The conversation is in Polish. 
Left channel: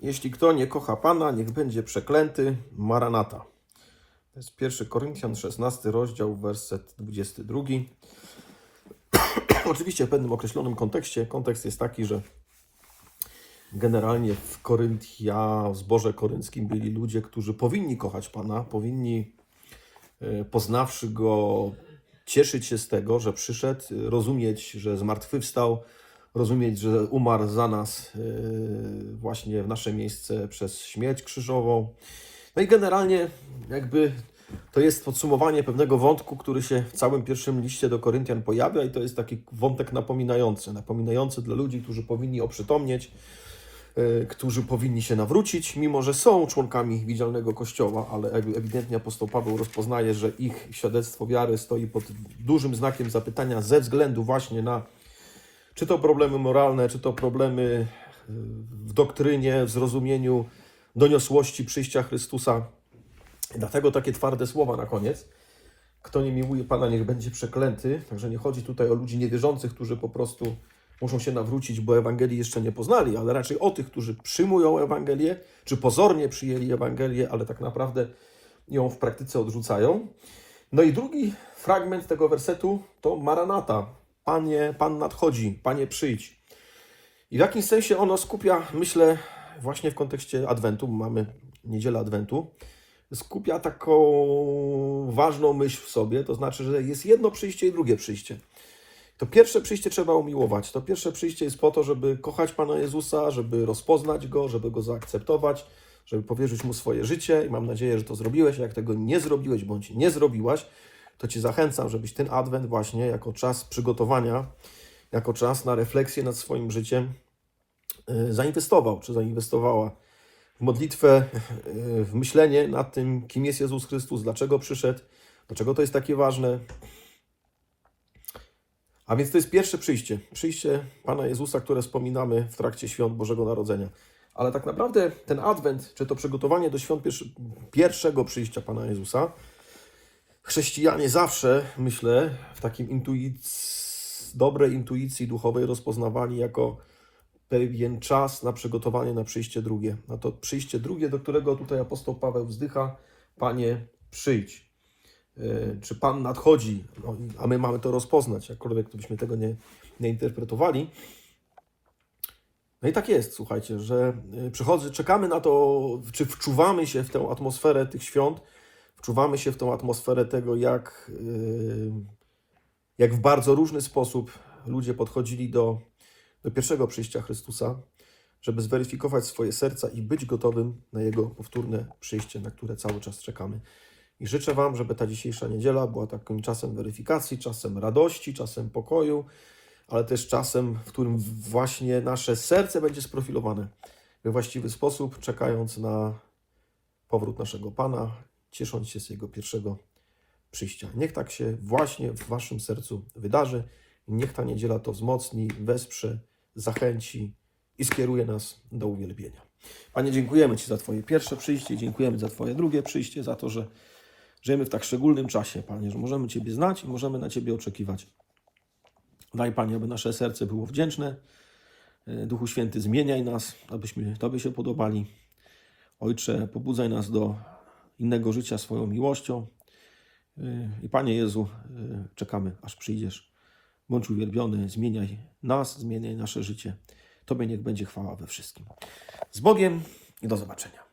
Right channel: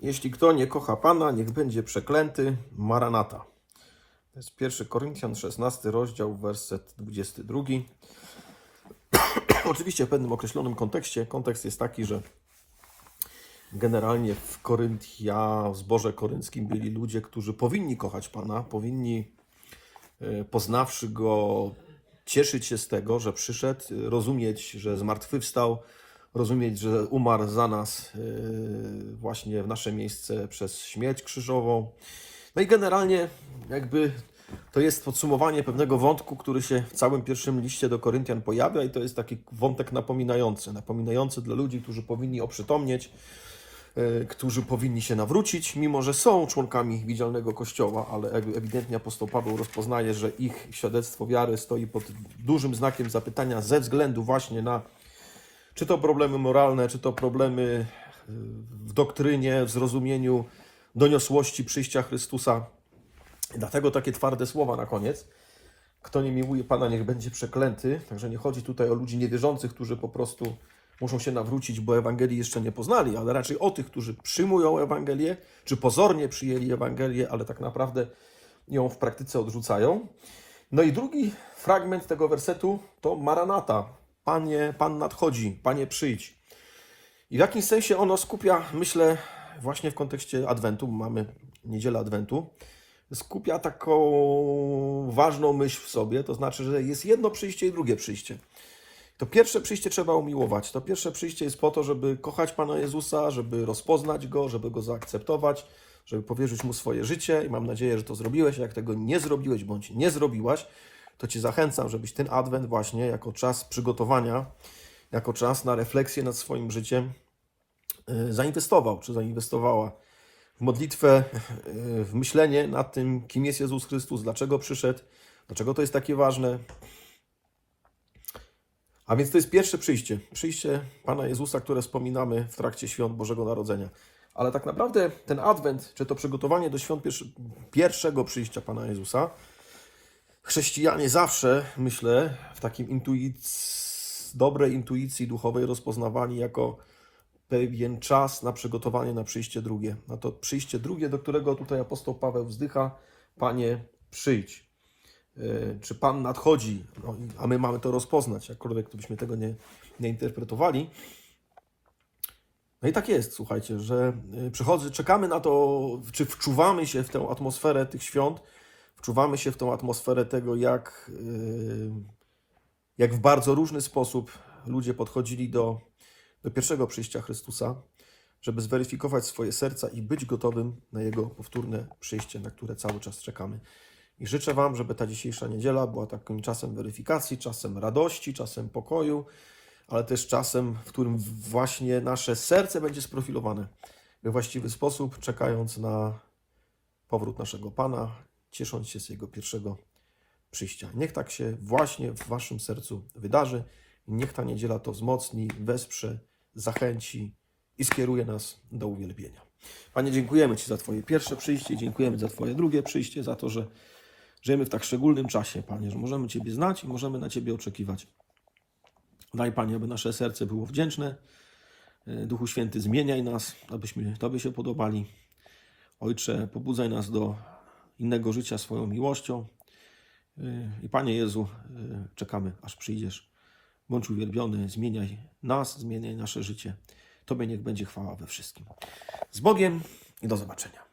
Jeśli kto nie kocha Pana, niech będzie przeklęty. Maranata. To jest 1 Koryntian, 16 rozdział, werset 22. Oczywiście w pewnym określonym kontekście. Kontekst jest taki, że generalnie w Koryntia, w zborze korynckim byli ludzie, którzy powinni kochać Pana, powinni e, poznawszy Go, cieszyć się z tego, że przyszedł, rozumieć, że zmartwychwstał, rozumieć, że umarł za nas e, właśnie w nasze miejsce przez śmierć krzyżową. No i generalnie jakby to jest podsumowanie pewnego wątku, który się w całym pierwszym liście do Koryntian pojawia i to jest taki wątek napominający, napominający dla ludzi, którzy powinni oprzytomnieć, e, którzy powinni się nawrócić, mimo że są członkami widzialnego Kościoła, ale ewidentnie apostoł Paweł rozpoznaje, że ich świadectwo wiary stoi pod dużym znakiem zapytania ze względu właśnie na czy to problemy moralne, czy to problemy w doktrynie, w zrozumieniu doniosłości przyjścia Chrystusa. Dlatego takie twarde słowa na koniec. Kto nie miłuje Pana, niech będzie przeklęty. Także nie chodzi tutaj o ludzi niewierzących, którzy po prostu muszą się nawrócić, bo Ewangelii jeszcze nie poznali, ale raczej o tych, którzy przyjmują Ewangelię, czy pozornie przyjęli Ewangelię, ale tak naprawdę ją w praktyce odrzucają. No i drugi fragment tego wersetu to Maranata. Panie, Pan nadchodzi, Panie przyjdź. I w jakimś sensie ono skupia, myślę, właśnie w kontekście Adwentu, mamy niedzielę Adwentu, skupia taką ważną myśl w sobie, to znaczy, że jest jedno przyjście i drugie przyjście. To pierwsze przyjście trzeba umiłować. To pierwsze przyjście jest po to, żeby kochać Pana Jezusa, żeby rozpoznać Go, żeby Go zaakceptować, żeby powierzyć Mu swoje życie i mam nadzieję, że to zrobiłeś. Jak tego nie zrobiłeś bądź nie zrobiłaś, to Cię zachęcam, żebyś ten Adwent właśnie jako czas przygotowania, jako czas na refleksję nad swoim życiem y, zainwestował, czy zainwestowała w modlitwę, y, w myślenie nad tym, kim jest Jezus Chrystus, dlaczego przyszedł, dlaczego to jest takie ważne. A więc to jest pierwsze przyjście, przyjście Pana Jezusa, które wspominamy w trakcie świąt Bożego Narodzenia. Ale tak naprawdę ten Adwent, czy to przygotowanie do świąt pierwszego przyjścia Pana Jezusa, chrześcijanie zawsze, myślę, w takim dobrej intuicji duchowej rozpoznawali jako pewien czas na przygotowanie na przyjście drugie. Na to przyjście drugie, do którego tutaj apostoł Paweł wzdycha, Panie, przyjdź. Yy, Czy Pan nadchodzi? No, a my mamy to rozpoznać, jakkolwiek byśmy tego nie, nie interpretowali. No i tak jest, słuchajcie, że y, przychodzy, czekamy na to, czy wczuwamy się w tę atmosferę tych świąt, wczuwamy się w tę atmosferę tego, jak, y, jak w bardzo różny sposób ludzie podchodzili do, do pierwszego przyjścia Chrystusa, żeby zweryfikować swoje serca i być gotowym na Jego powtórne przyjście, na które cały czas czekamy. I życzę Wam, żeby ta dzisiejsza niedziela była takim czasem weryfikacji, czasem radości, czasem pokoju, ale też czasem, w którym właśnie nasze serce będzie sprofilowane we właściwy sposób, czekając na powrót naszego Pana, ciesząc się z Jego pierwszego przyjścia. Niech tak się właśnie w Waszym sercu wydarzy. Niech ta niedziela to wzmocni, wesprze, zachęci i skieruje nas do uwielbienia. Panie, dziękujemy Ci za Twoje pierwsze przyjście, dziękujemy za Twoje drugie przyjście, za to, że żyjemy w tak szczególnym czasie, Panie, że możemy Ciebie znać i możemy na Ciebie oczekiwać. Daj, Panie, aby nasze serce było wdzięczne. Duchu Święty, zmieniaj nas, abyśmy Tobie się podobali. Ojcze, pobudzaj nas do innego życia swoją miłością. E, I Panie Jezu, e, czekamy, aż przyjdziesz. Bądź uwielbiony, zmieniaj nas, zmieniaj nasze życie. Tobie niech będzie chwała we wszystkim. Z Bogiem i do zobaczenia.